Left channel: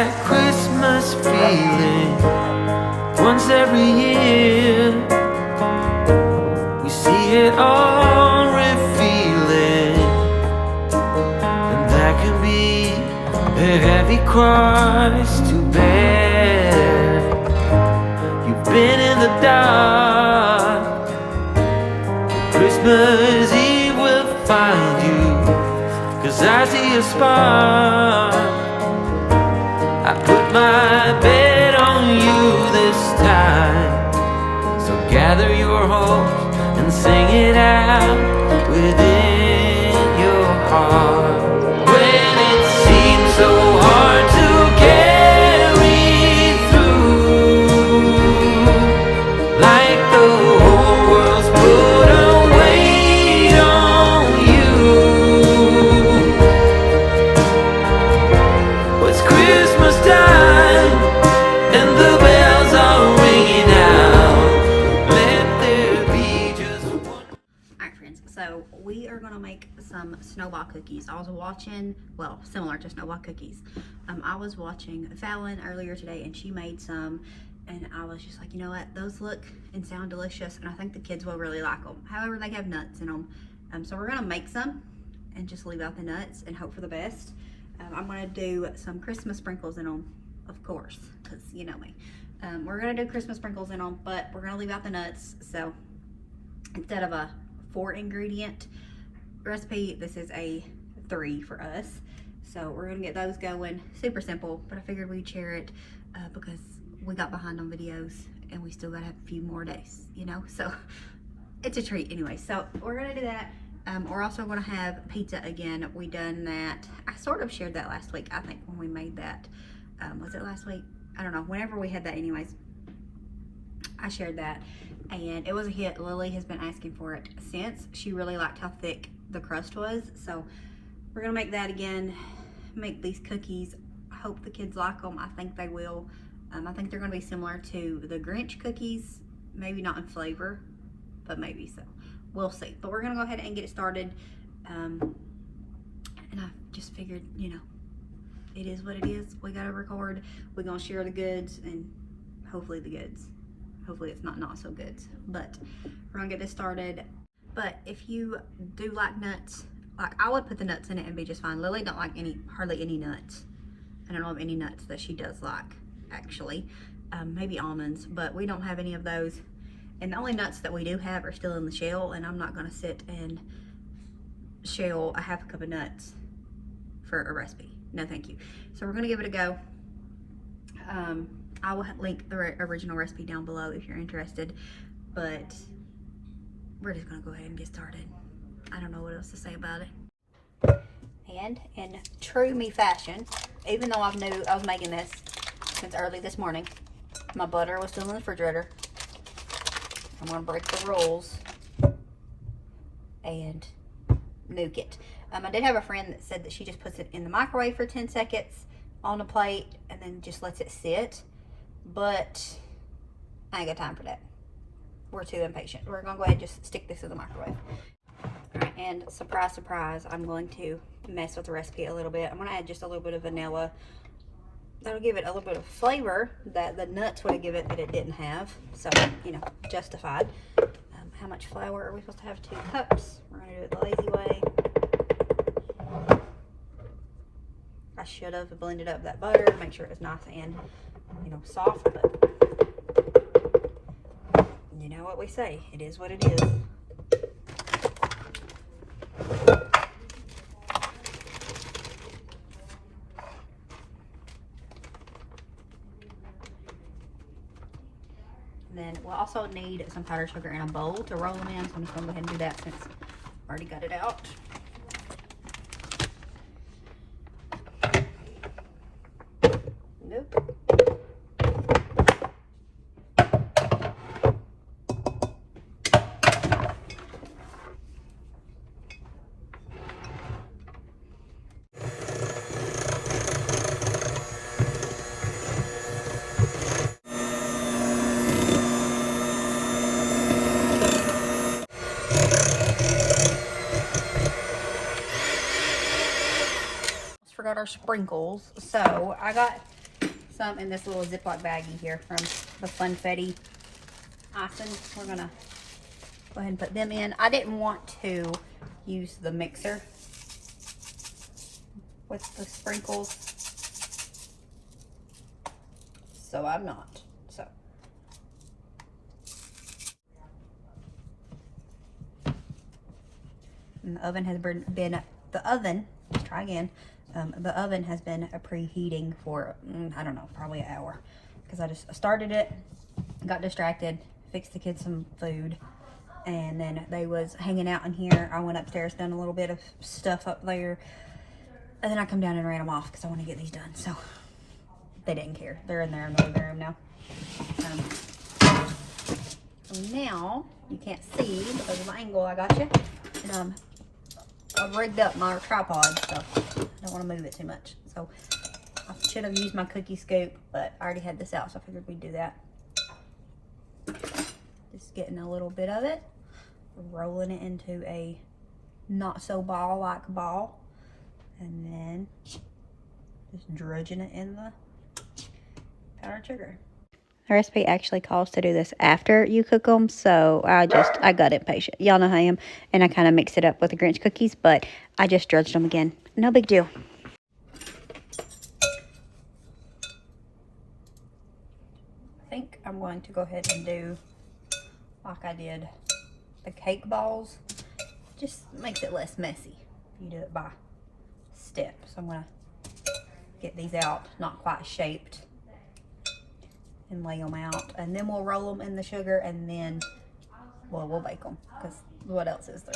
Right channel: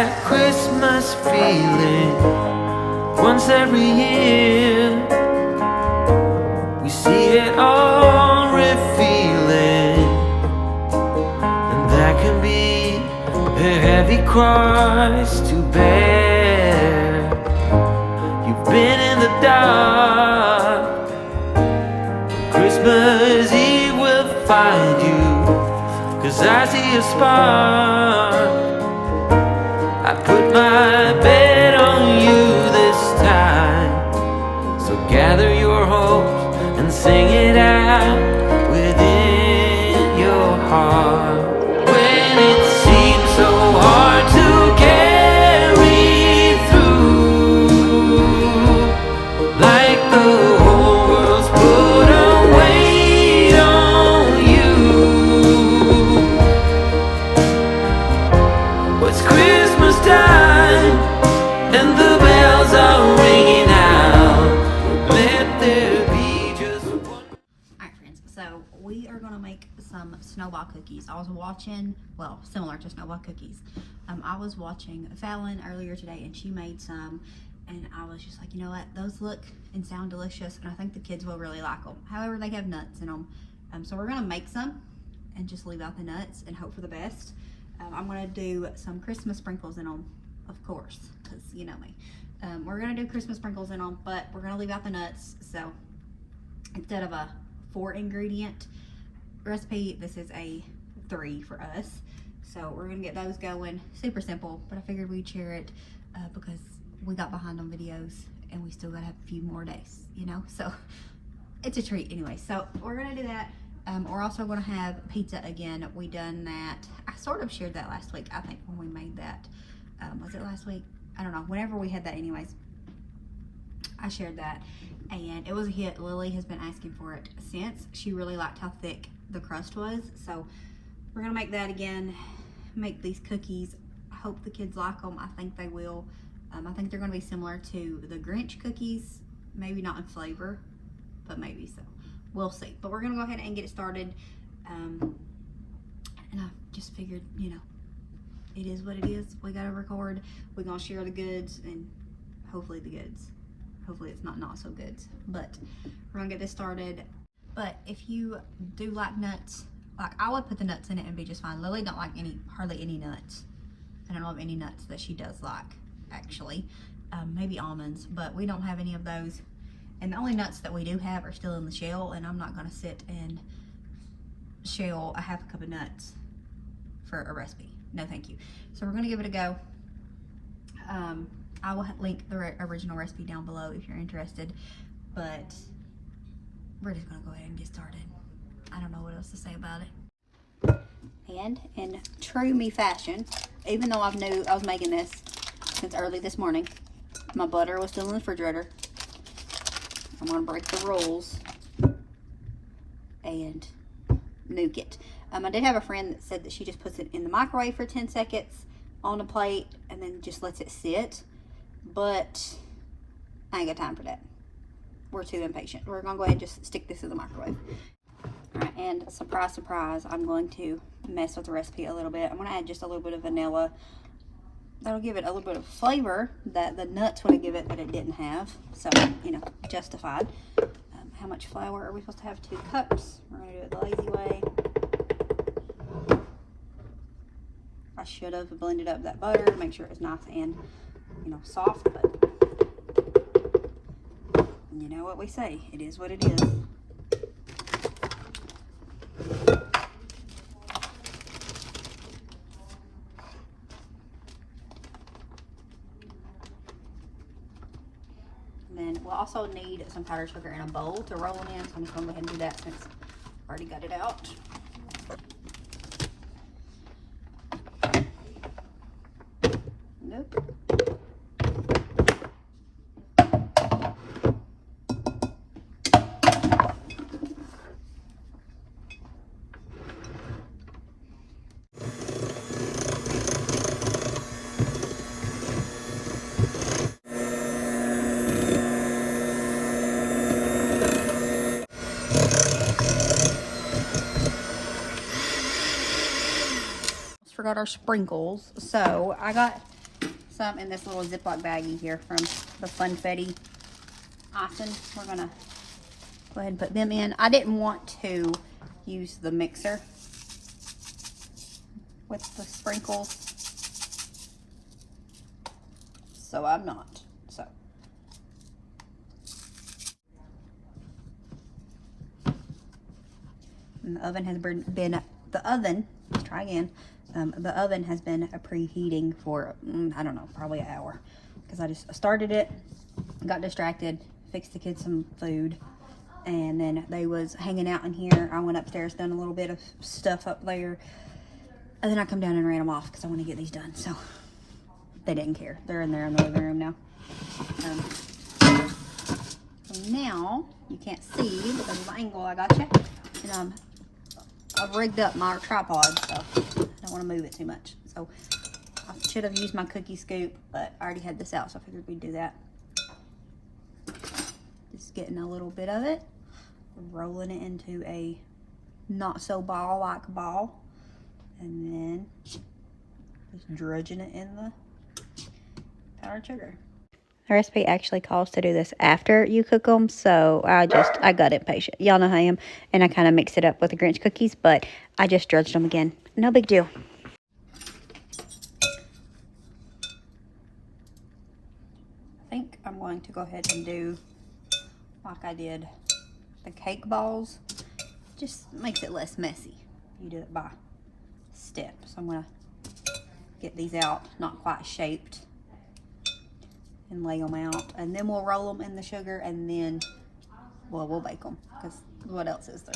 that Christmas feeling. Once every year we see it all revealing, and that can be a heavy cross to bear. You've been in the dark, but Christmas Eve will find you, 'cause I see a spark. I put my bet on you this time, so gather your hopes and sing it out within your heart. When it seems so hard to carry through, like the whole world's put a weight on you. It's Christmas time and the bells are ringing out. Let there be just one. Alright friends, so we are gonna make some snowball cookies. I was watching, well, similar to snowball cookies. I was watching Fallon earlier today and she made some, and I was just like, you know what, those look and sound delicious and I think the kids will really like them. However, they have nuts in them. So we're gonna make some and just leave out the nuts and hope for the best. I'm gonna do some Christmas sprinkles in them, of course, because you know me. We're gonna do Christmas sprinkles in them, but we're gonna leave out the nuts. So instead of a 4-ingredient recipe, this is a 3 for us. So we're gonna get those going. Super simple, but I figured we'd share it because we got behind on videos and we still gotta have a few more days, you know? So it's a treat anyway. So we're gonna do that. We're also gonna have pizza again. We done that. I sort of shared that last week, I think, when we made that. Was it last week? I don't know. Whenever we had that anyways, I shared that. And it was a hit. Lily has been asking for it since. She really liked how thick the crust was. So we're gonna make that again. Make these cookies. I hope the kids like them. I think they will. I think they're gonna be similar to the Grinch cookies. Maybe not in flavor, but maybe so. We'll see. But we're gonna go ahead and get it started. And I just figured, you know, it is what it is. We gotta record. We're gonna share the goods and hopefully the goods. Hopefully it's not so goods. But we're gonna get this started. But if you do like nuts, like I would put the nuts in it and be just fine. Lily don't like hardly any nuts. I don't know of any nuts that she does like, actually. Maybe almonds, but we don't have any of those. And the only nuts that we do have are still in the shell, and I'm not gonna sit and shell a half a cup of nuts for a recipe. No, thank you. So we're gonna give it a go. I will link the original recipe down below if you're interested, but we're just gonna go ahead and get started. I don't know what else to say about it. And in true me fashion, even though I knew I was making this since early this morning, my butter was still in the refrigerator. I'm gonna break the rolls and nuke it. I did have a friend that said that she just puts it in the microwave for 10 seconds on a plate and then just lets it sit, but I ain't got time for that. We're too impatient. We're gonna go ahead and just stick this in the microwave. All right, and surprise, surprise, I'm going to mess with the recipe a little bit. I'm gonna add just a little bit of vanilla. That'll give it a little bit of flavor that the nuts would give it that it didn't have. So, you know, justified. How much flour are we supposed to have? 2 cups. We're gonna do it the lazy way. I should have blended up that butter, make sure it was nice and, you know, soft, but you know what we say, it is what it is. And then we'll also need some powdered sugar in a bowl to roll them in, so I'm just gonna go ahead and do that since I already got it out. Nope. Forgot our sprinkles. So I got some in this little Ziploc baggie here from the Funfetti icing. We're gonna go ahead and put them in. I didn't want to use the mixer with the sprinkles, so I'm not. So and the oven has been the oven. Let's try again. The oven has been preheating for I don't know, probably an hour, because I just started it, got distracted, fixed the kids some food, and then they was hanging out in here. I went upstairs, done a little bit of stuff up there, and then I come down and ran them off because I want to get these done. So they didn't care. They're in there in the living room now. Now you can't see because of the angle I got you, and I've rigged up my tripod, so I don't want to move it too much. So I should have used my cookie scoop, but I already had this out, so I figured we'd do that. Just getting a little bit of it, rolling it into a not so ball-like ball, and then just drudging it in the powdered sugar. The recipe actually calls to do this after you cook them, so I got impatient. Y'all know how I am, and I kind of mix it up with the Grinch cookies, but I just drudged them again. No big deal. I think I'm going to go ahead and do like I did the cake balls. Just makes it less messy. You do it by step. So I'm going to get these out, not quite shaped, and lay them out, and then we'll roll them in the sugar, and then we'll bake them, because what else is there?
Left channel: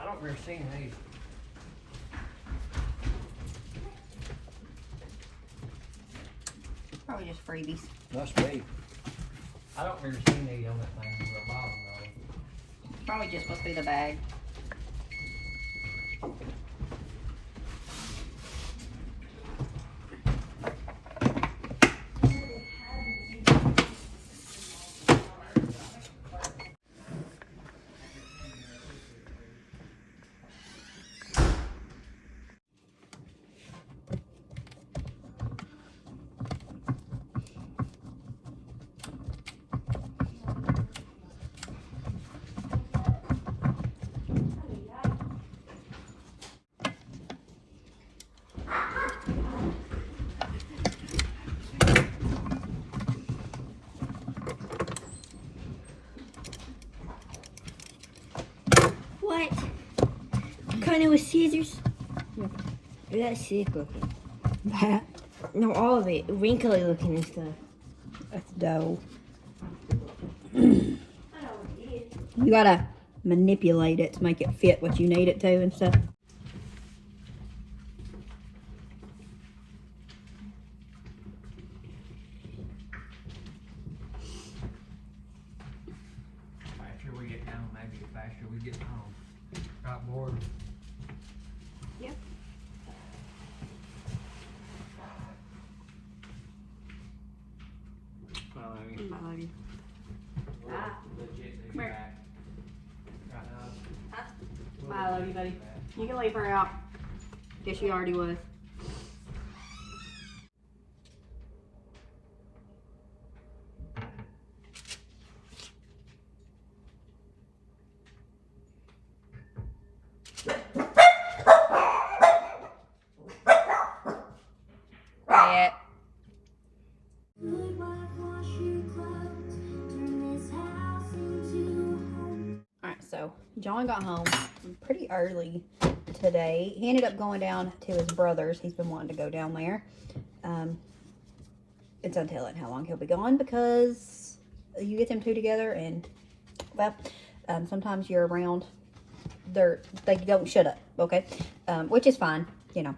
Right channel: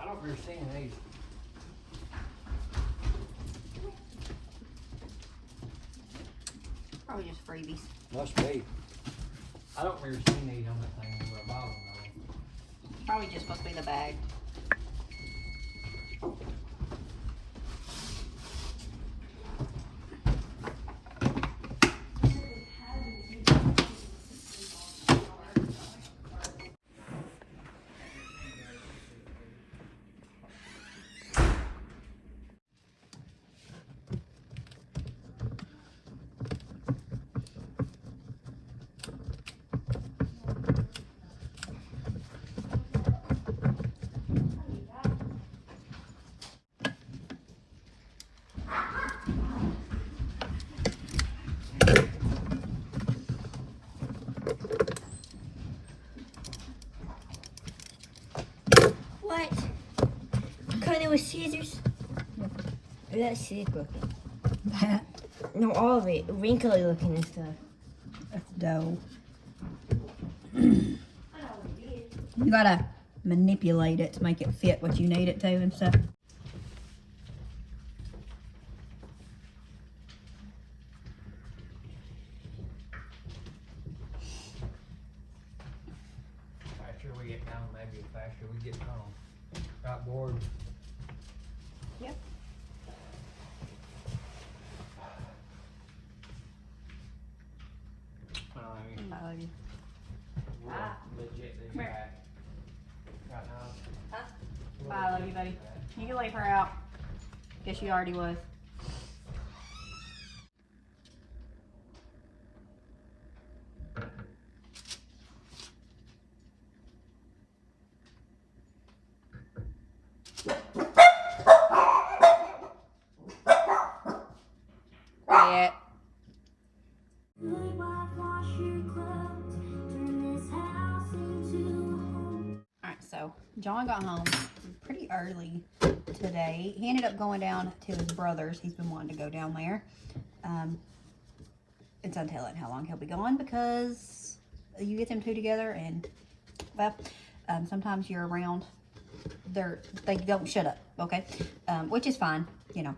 I don't remember seeing these. Probably just freebies. Must be. I don't remember seeing these on that thing on the bottom though. Probably just supposed to be the bag. What? Kind of with scissors? That's sick looking. That? No, all of it. Wrinkly looking and stuff. That's dough. You gotta manipulate it to make it fit what you need it to and stuff. Faster we get down, maybe the faster we get home. Got bored. Yep. I love you. Legit, Come here. Bye, I love you, buddy. You can leave her out. Guess she already was. John got home pretty early today. He ended up going down to his brother's. He's been wanting to go down there. It's untelling how long he'll be gone because you get them two together and, well, sometimes you're around, they don't shut up, okay? Which is fine, you know.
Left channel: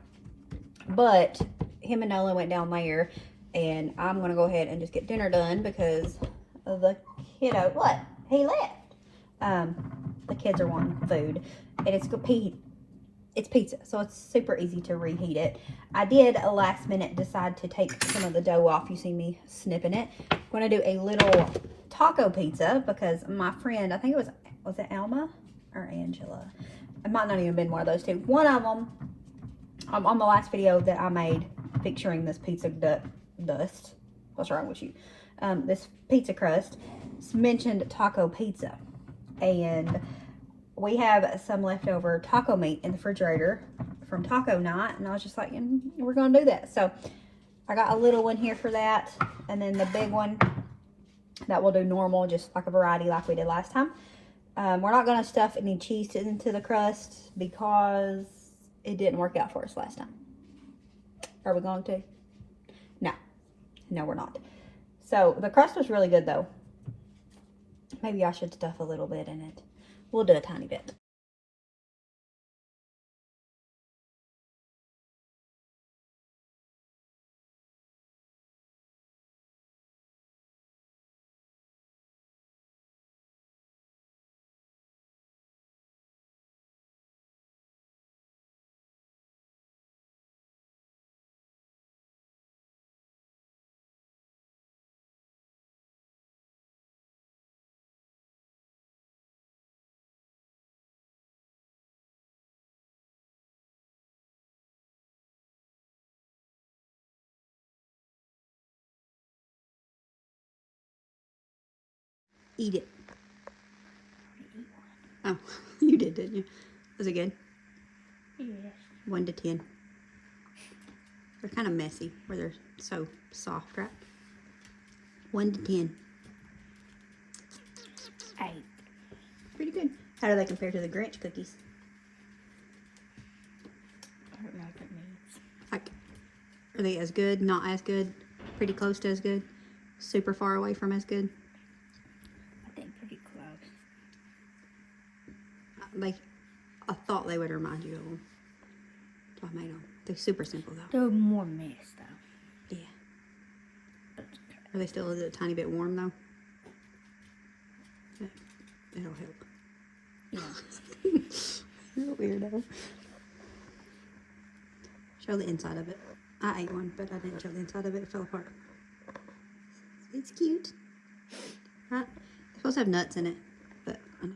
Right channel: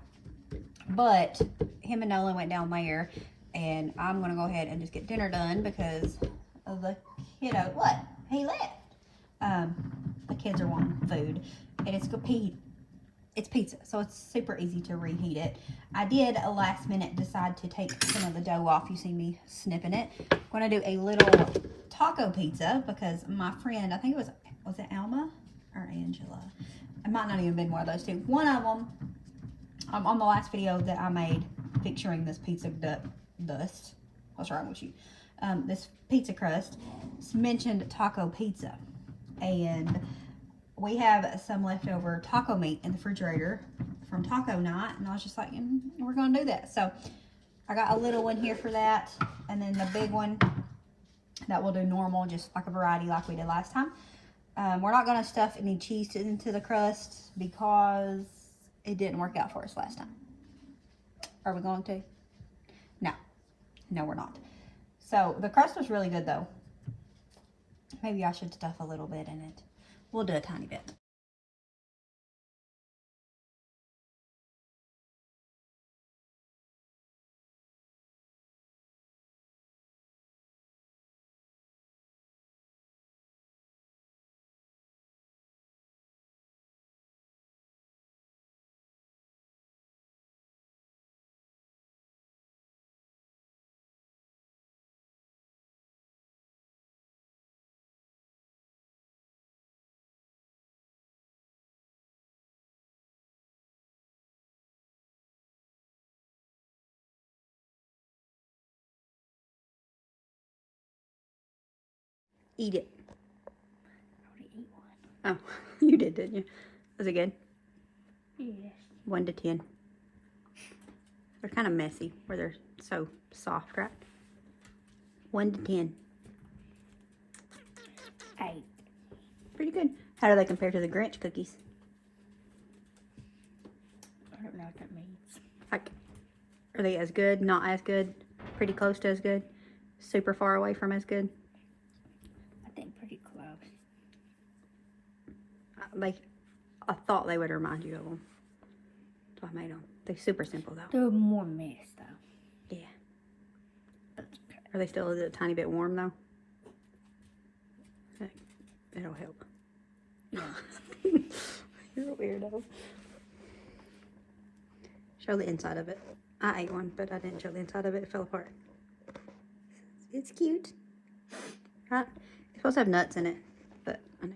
But him and Nolan went down there, and I'm going to go ahead and just get dinner done because of the kiddo. What? He left. The kids are wanting food, and it's pizza, so it's super easy to reheat it. I did a last minute decide to take some of the dough off. You see me snipping it. I'm going to do a little taco pizza because my friend, I think it was it Alma or Angela? It might not even been one of those two. One of them, on the last video that I made picturing this pizza dust. What's wrong with you? This pizza crust mentioned taco pizza, and we have some leftover taco meat in the refrigerator from taco night, and I was just like, we're gonna do that. So I got a little one here for that, and then the big one that we'll do normal, just like a variety like we did last time. We're not gonna stuff any cheese into the crust because it didn't work out for us last time. Are we going to? No, we're not. So the crust was really good though. Maybe I should stuff a little bit in it. We'll do a tiny bit. Eat it. Oh, you did, didn't you? Was it good? Yes. 1 to 10. They're kind of messy where they're so soft, right? 1 to 10. 8. Pretty good. How do they compare to the Grinch cookies? I don't know what that means. Like, are they as good? Not as good? Pretty close to as good? Super far away from as good? I think pretty close. I thought they would remind you of them. So I made them. They're super simple though. They're more mess though. Yeah. That's okay. Are they still a tiny bit warm though? It'll help. Yeah. You're a weirdo. Show the inside of it. I ate one, but I didn't show the inside of it. It fell apart. It's cute. Right? It's supposed to have nuts in it, but I know.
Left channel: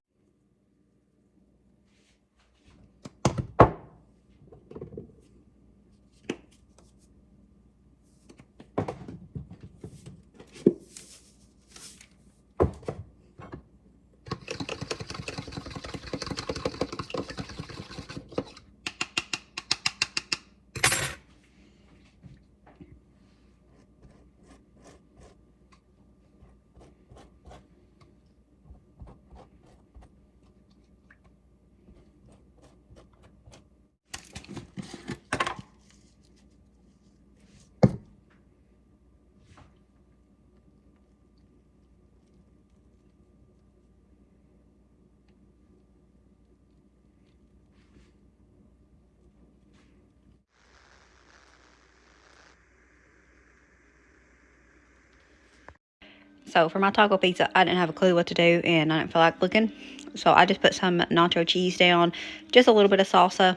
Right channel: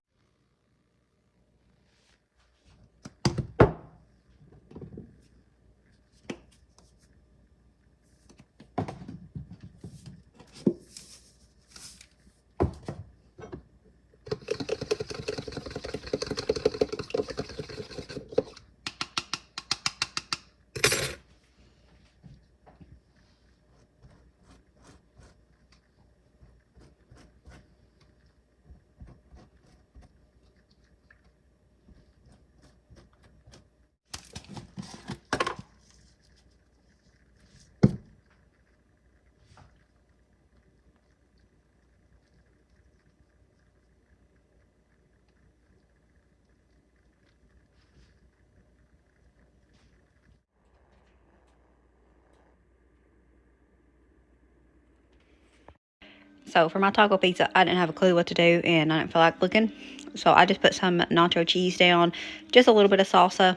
So for my taco pizza, I didn't have a clue what to do, and I didn't feel like looking. So I just put some nacho cheese down, just a little bit of salsa,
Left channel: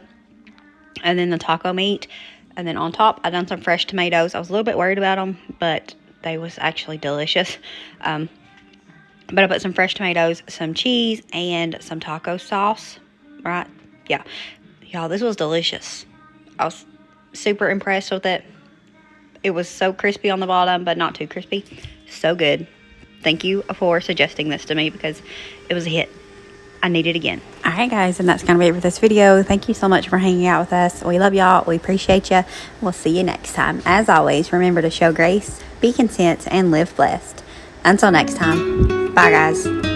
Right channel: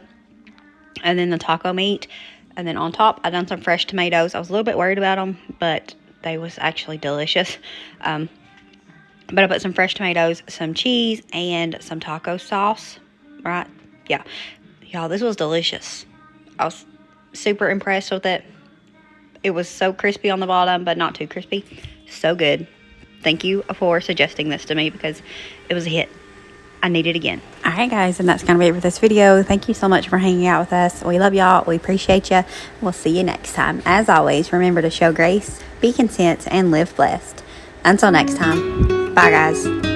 and then the taco meat. And then on top, I done some fresh tomatoes. I was a little bit worried about them, but they was actually delicious. But I put some fresh tomatoes, some cheese, and some taco sauce, right? Yeah. Y'all, this was delicious. I was super impressed with it. It was so crispy on the bottom, but not too crispy. So good. Thank you for suggesting this to me because it was a hit. I need it again. All right, guys, and that's going to be it for this video. Thank you so much for hanging out with us. We love y'all. We appreciate you. We'll see you next time. As always, remember to show grace, be content, and live blessed. Until next time, bye, guys.